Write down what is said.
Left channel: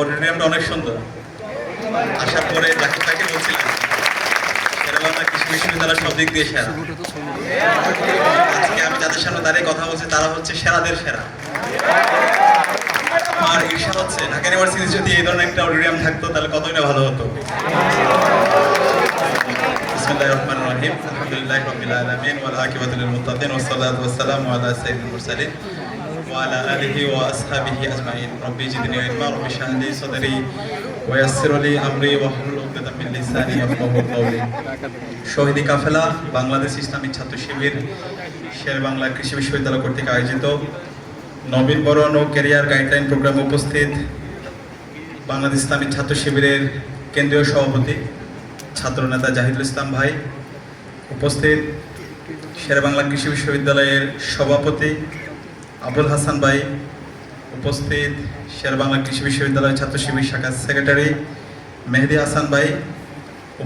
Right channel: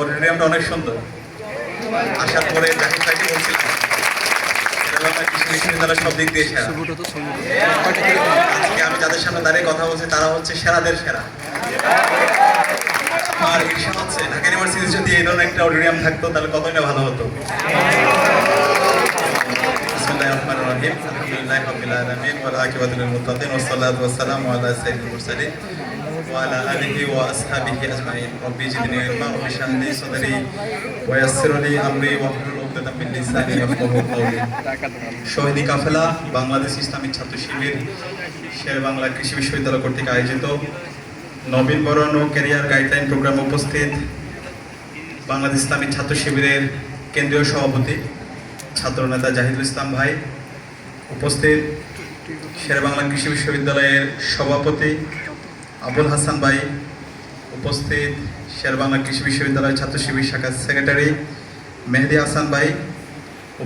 অডিটোরিয়ামটা আমি যাদের সামনে দাঁড়িয়ে কথা বলছি, তারা হচ্ছে সেরাদের সেরা। আমার ঈর্ষা হচ্ছে, ঢাকা ইউনিভার্সিটি যদি এই ধরনের একটা অডিটোরিয়াম থাকতো, তাহলে কতই না ভালো হতো। রাব্বিল আলামিন ওয়াল আকিবাতু লিল মুত্তাকিন ওয়াস সালাতু ওয়াস সালামু আলা সাইয়্যিদিল মুরসালিন। وعلى آله وأصحابه أجمعين ربي زدني علما رب اشرح لي صدري ويسر لي أمري واحلل عقدة من لساني يفقهوا قولي শহীদি কাফেলা বাংলাদেশ ইসলামিক ছাত্র শিবির শের বাংলা কৃষি বিশ্ববিদ্যালয় কর্তৃক আয়োজিত নবীন বরণ ও কেরিয়ার গাইডলাইন প্রোগ্রাম উপস্থিত বাংলাদেশ ইসলামিক ছাত্র শিবিরের কেন্দ্রীয় সভাপতি ছাত্রনেতা জাহিদুল ইসলাম ভাই উপস্থিত শের বাংলা কৃষি বিশ্ববিদ্যালয়ের সভাপতি আবুল হাসান ভাই উপস্থিত শের বাংলা কৃষি বিশ্ববিদ্যালয় ছাত্র শিবির শাখার সেক্রেটারি মেহেদি হাসান ভাই